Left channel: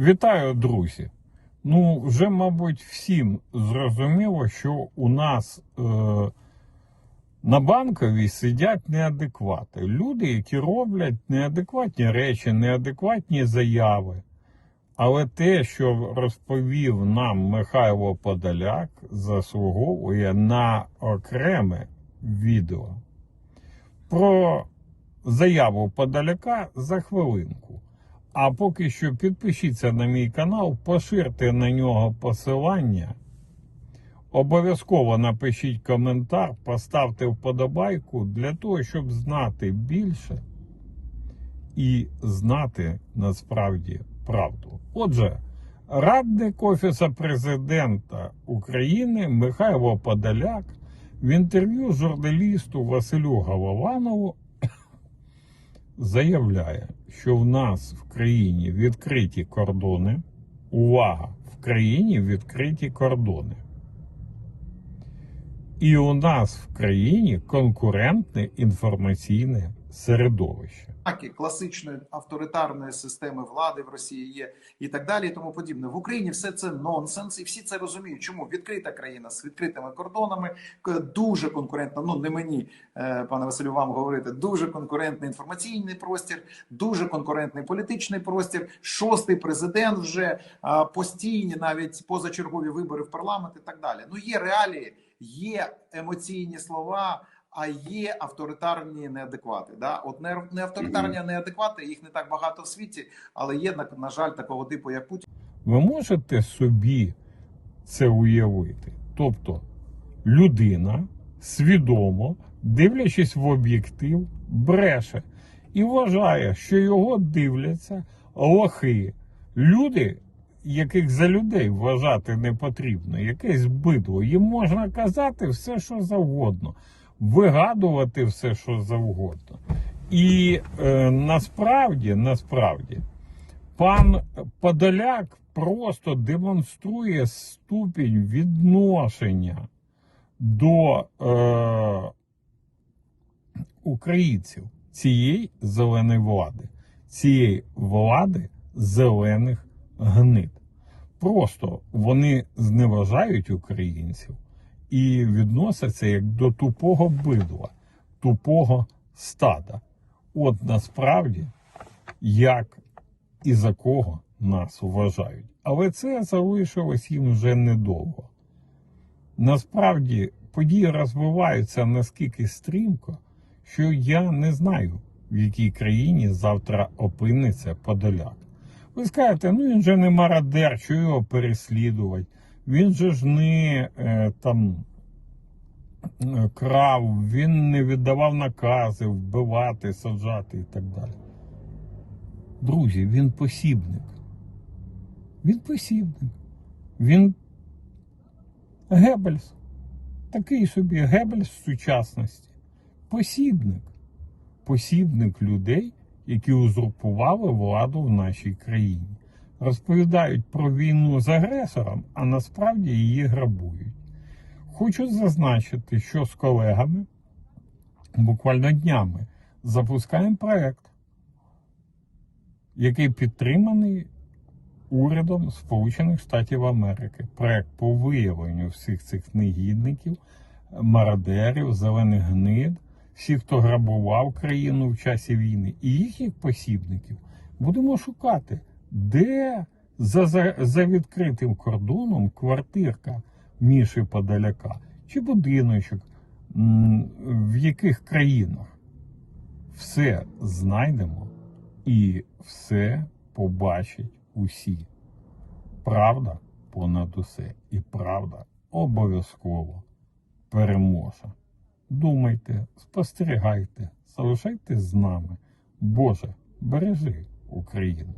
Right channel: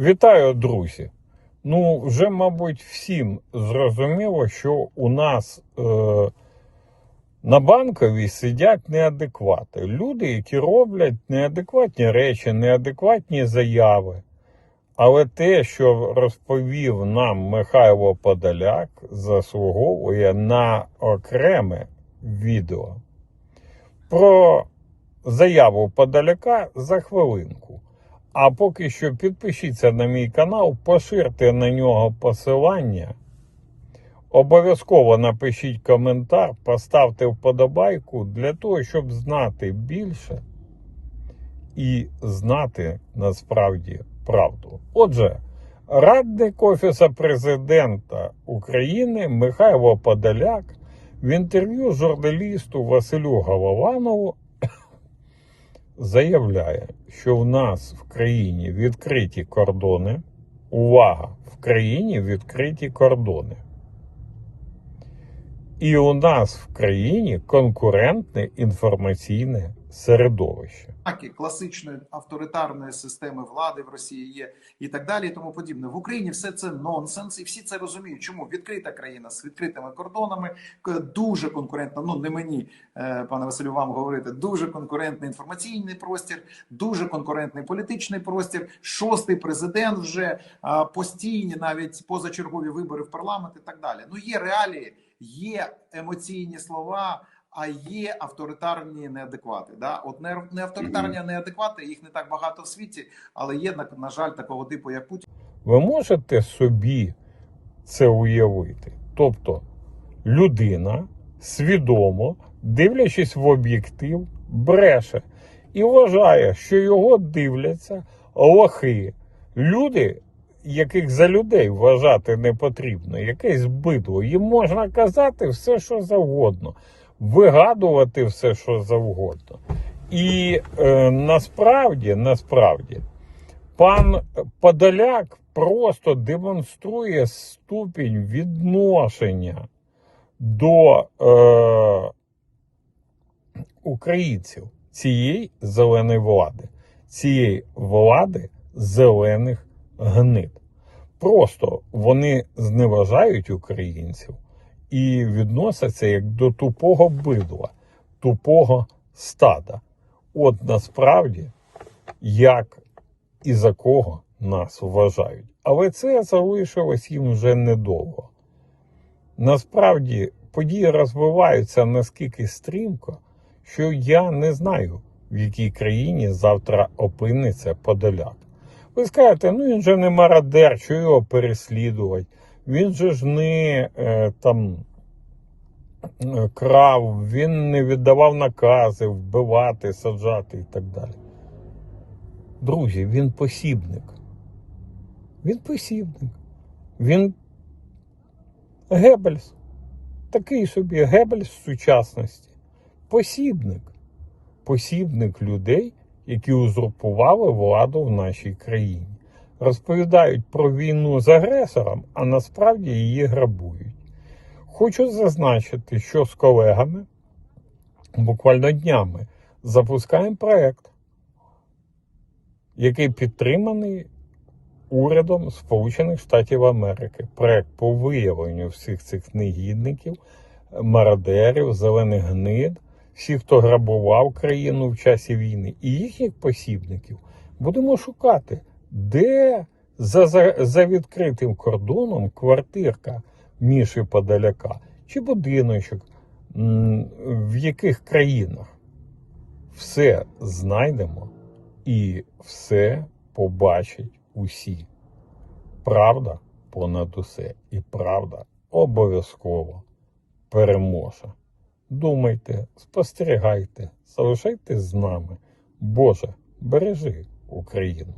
Вітаю, друзі. Ну, вже, мабуть, всім зрозуміло, що у нас е, на банковій сидять неадеквати. Люди, які роблять неадекватні речі, неадекватні заяви. Але те, що розповів нам Михайло Подоляк, заслуговує на окреме відео. Про заяву Подоляка за хвилинку. А поки що підпишіться на мій канал, поширте на нього посилання. Обов'язково напишіть коментар, поставте вподобайку для того, щоб знати більше і знати насправді правду. Отже, радник Офіса президента України Михайло Подоляк в інтерв'ю журналісту Василю Голованову заявляє, що в нас в країні відкриті кордони. Увага! В країні відкриті кордони. І у нас в країні конкурентне інформаційне середовище. Знаки класичної авторитарної системи влади в Росії є і так далі, і тому подібне. В Україні все це нонсенс, і всі це розуміють. Чому відкрита країна з відкритими кордонами, дуже конкурентна. Ну не мені, е, пане Василю, вам говорити. Дуже конкурентний інформаційний простір, дуже конкурентний політичний простір. Шостий президент вже постійні, навіть позачергові вибори в парламент і так далі. Ну є реалії, є емоційні слова. А є авторитарні неадеквати. Да? От не, не авторитарні а неадеквати, їх не так багато в світі, але є на, на жаль такого типу, як Путін. Ви можете собі це уявити? Тобто людина свідомо, дивлячись в об'єктив, бреше і вважає, що його дивляться лохи. Люди, яких за людей вважати не потрібно, якесь бидло. Їм можна казати все, що завгодно, вигадувати все, що завгодно. І е, насправді, насправді, пан Подоляк просто демонструє ступінь відношення до е, українців цієї зеленої влади, цієї влади зелених гнид. Просто вони зневажають українців і відносяться як до тупого бидла, тупого стада. От насправді, як і за кого нас вважають. Але це залишилось їм вже недовго. Насправді події розвиваються наскільки стрімко, що я не знаю, в якій країні завтра опиниться Подоляк. Ви скажете, ну він же не мародер, що його переслідувати. Він же ж не е, там е, крав, він не віддавав накази вбивати, саджати і так далі. Друзі, він посібник. Він посібник. Він Геббельс. Такий собі Геббельс сучасності. Посібник. Посібник людей, які узурпували владу в нашій країні. Розповідають про війну з агресором, а насправді її грабують. Хочу зазначити, що з колегами буквально днями запускаємо проект який підтриманий урядом Сполучених Штатів Америки. Проект по виявленню всіх цих негідників, мародерів, зелених гнид, всіх, хто грабував країну в часі війни, і їхніх посібників будемо шукати, де за, за, за відкритим кордоном квартирка Міші Подоляка чи будиночок, в яких країнах все знайдемо і все побачать усі. Правда понад усе, і правда обов'язково переможе. Думайте, спостерігайте, залишайтесь з нами. Боже, бережи Україну.